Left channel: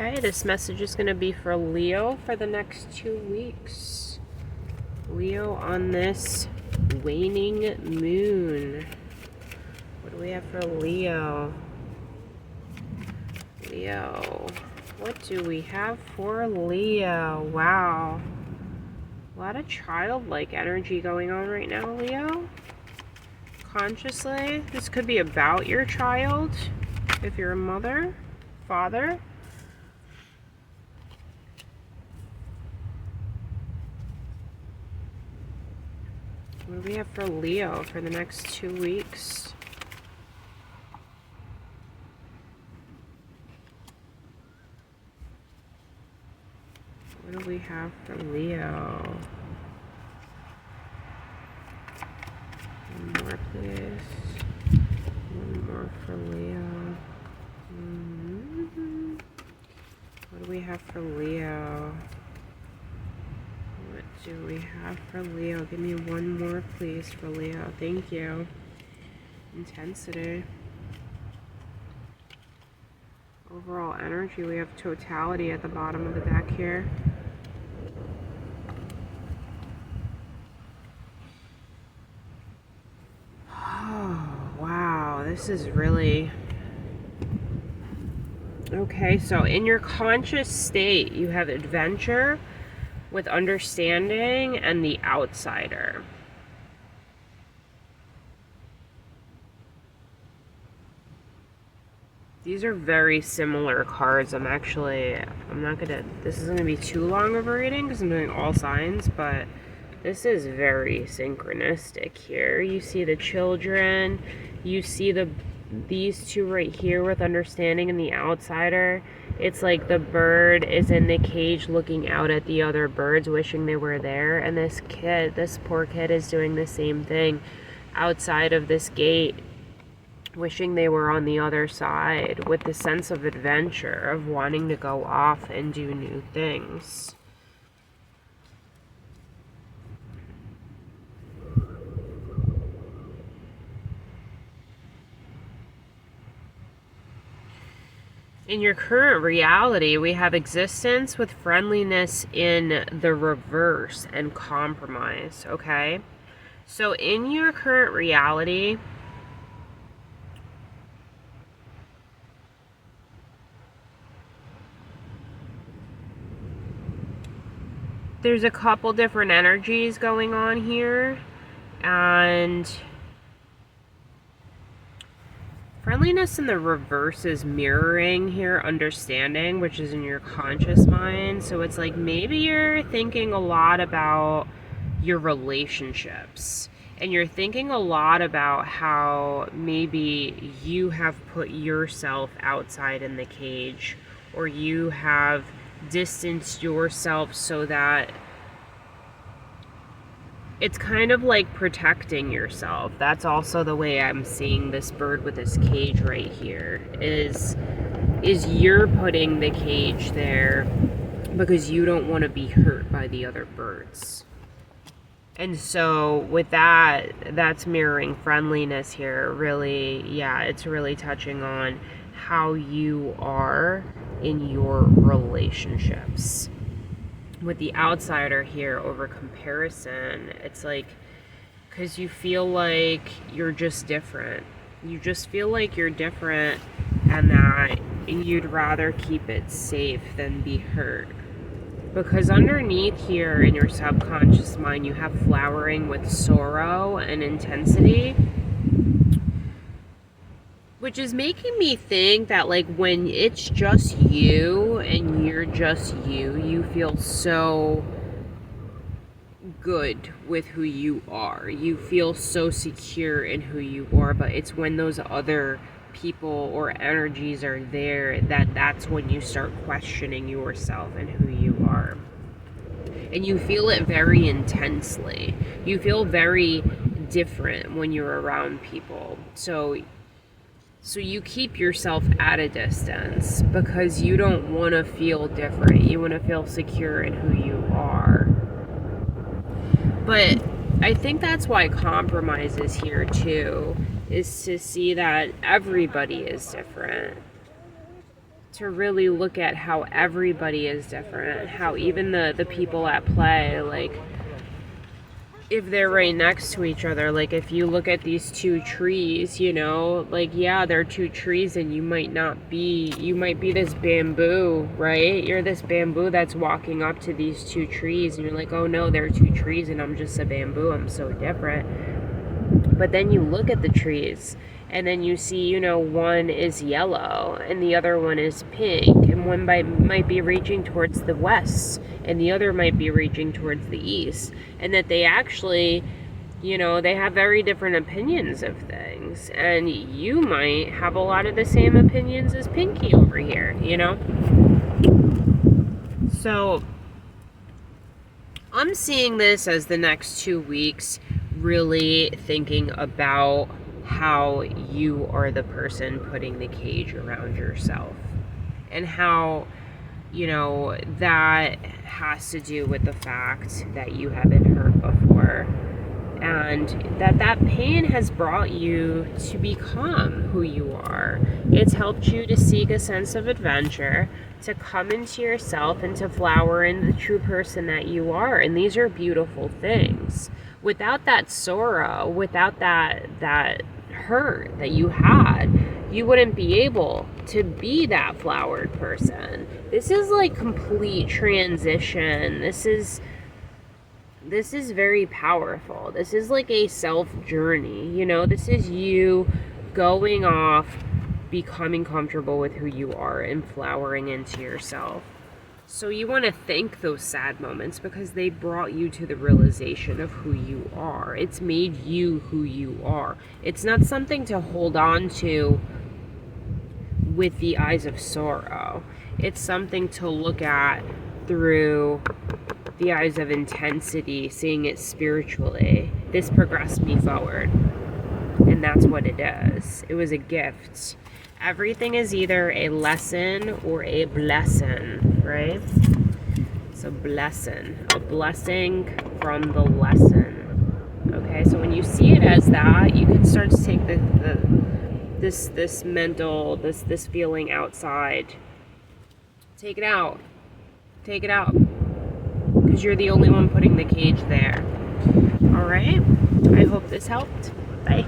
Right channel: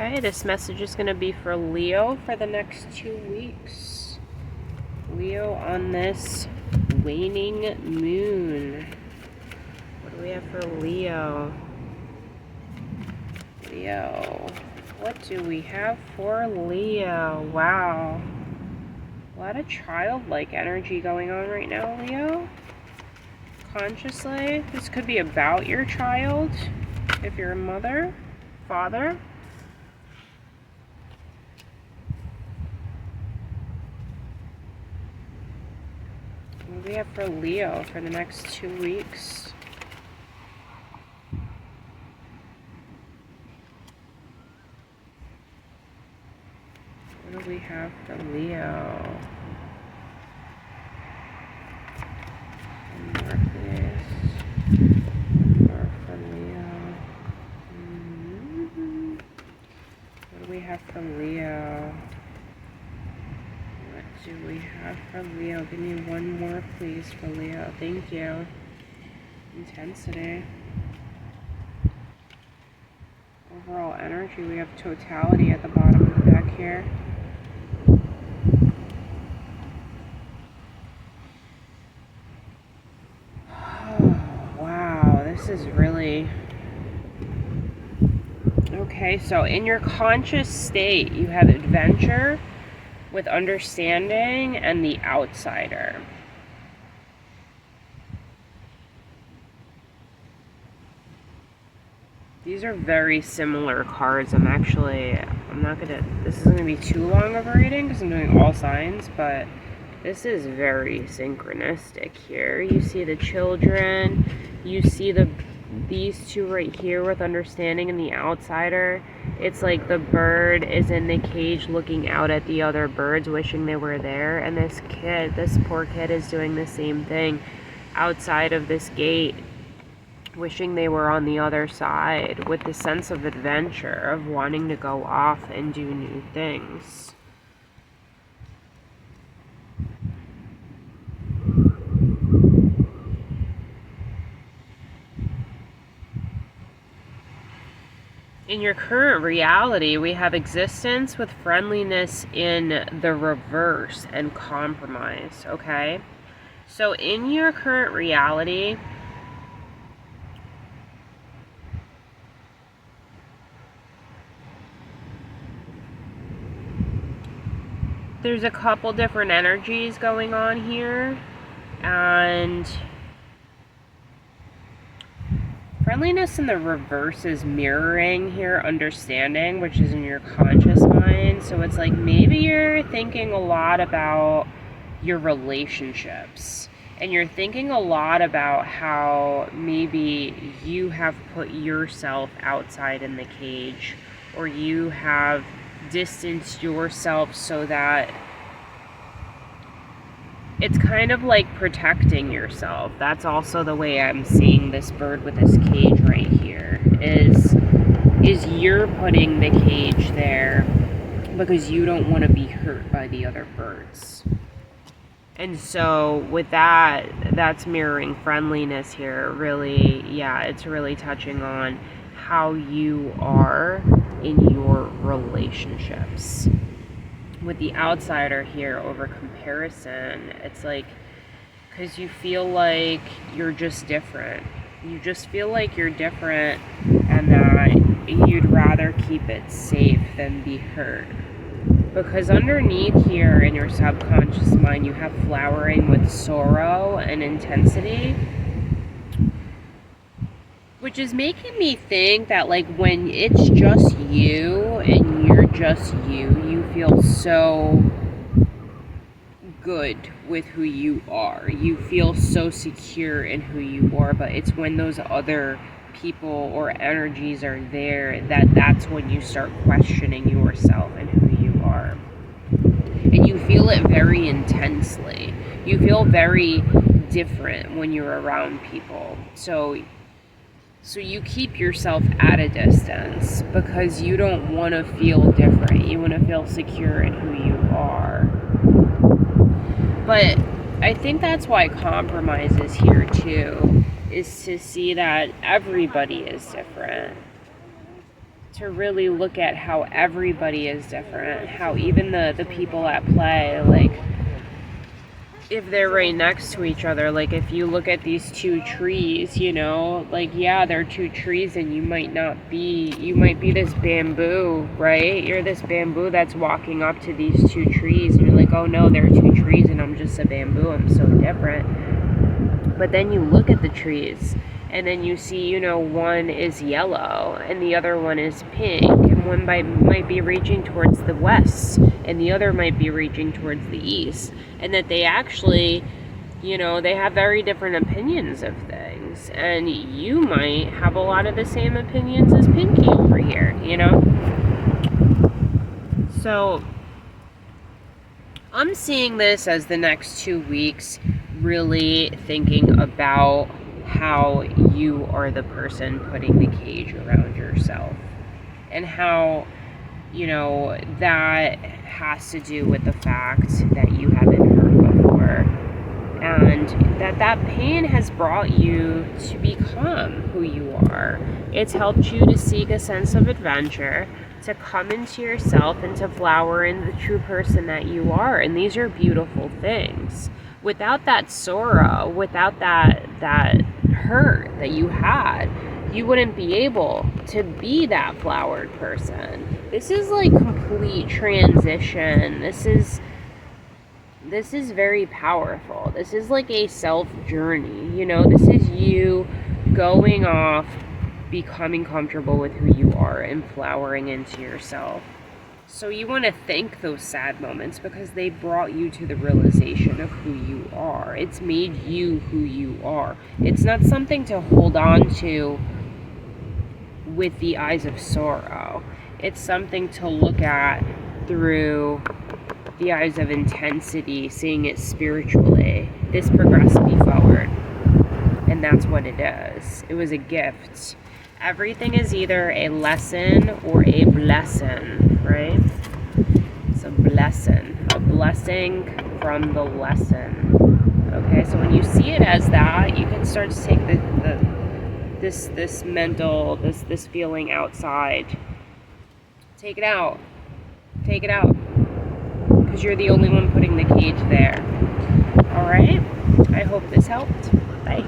Okay, this message is going to be for Leo for the next 2 weeks. Leo on this waning moon. What do we have for Leo? Leo. What do we have for Leo? Wow. A lot of childlike energy going on right now, Leo. Consciously. This could be about your child. If you're a mother, father. What do we have for Leo for the next 2 weeks? What do we have for Leo? One more, please. One more for Leo. What do we have for Leo? What do we have for Leo? Give me one more, please, for Leo. Thank you. Intensity. Overall energy, we have totality at the bottom of the deck here. Oh, wow. This is really... Okay, so in your conscious state, you have adventure with understanding and the outsider. These are very similar cards. This isn't gonna be too long of a reading because I'm doing all signs, but this is very synchronistic here. You see the children, you see these two right here with understanding and the outsider. It's like the bird is in the cage looking out at the other birds, wishing they were there, and this poor kid is doing the same thing outside of this gate, wishing they were on the other side, with the sense of adventure, of wanting to go off and do new things. In your current reality, we have existence with friendliness in the reverse and compromise, okay? So in your current reality, there's a couple different energies going on here, and friendliness in the reverse is mirroring here understanding, which is in your conscious mind. So it's like maybe you're thinking a lot about your relationships, and you're thinking a lot about how maybe you have put yourself outside in the cage, or you have distanced yourself so that it's kind of like protecting yourself. That's also the way I'm seeing this bird with this cage right here, is you're putting the cage there because you don't want to be hurt by the other birds. And so with that, that's mirroring friendliness here. Really, yeah, it's really touching on how you are in your relationships. With the outsider here over comparison, it's like, because you feel like you're just different. You just feel like you're different, and that you'd rather keep it safe than be hurt. Because underneath here in your subconscious mind, you have flowering with sorrow and intensity, which is making me think that, like, when it's just you and you're just you feel so good with who you are. You feel so secure in who you are, but it's when those other people or energies are there that's when you start questioning yourself and who you are. And you feel it very intensely. You feel very different when you're around people. So you keep yourself at a distance because you don't want to feel different. You want to feel secure in who you are. But I think that's why compromise is here too, is to see that everybody is different. to really look at how everybody is different, how even the people at play, like if they're right next to each other, like if you look at these two trees, you know, like yeah, they're two trees and you might be this bamboo, right? You're this bamboo that's walking up to these two trees and you're like, oh no, they're two trees and I'm just a bamboo, I'm so different. But then you look at the trees and then you see, you know, one is yellow and the other one is pink, and one might be reaching towards the west and the other might be reaching towards the east, and that they actually, you know, they have very different opinions of things, and you might have a lot of the same opinions as Pinky over here, you know? So I'm seeing this as the next 2 weeks really thinking about how you are the person putting the cage around yourself, and how, you know, that has to do with the fact that you have been hurt before, and that pain has brought you to become who you are. It's helped you to seek a sense of adventure, to come into yourself and to flower in the true person that you are, and these are beautiful things. Without that sorrow, without that hurt that you had, you wouldn't be able to be that flowered person. This is like complete transition. This is very powerful. This is like a self journey, you know? This is you going off, becoming comfortable with who you are and flowering into yourself. So you want to thank those sad moments because they brought you to the realization of who you are. It's made you who you are. It's not something to hold on to with the eyes of sorrow. It's something to look at through the eyes of intensity, seeing it spiritually. This progressed me forward. And that's what it is. It was a gift. Everything is either a lesson or a blessing, right? It's a blessing from the lesson. Okay, so when you see it as that, you can start to take this mental, this feeling outside. Take it out. Take it out. Because you're the only one putting the cage there. All right? I hope this helped. Bye.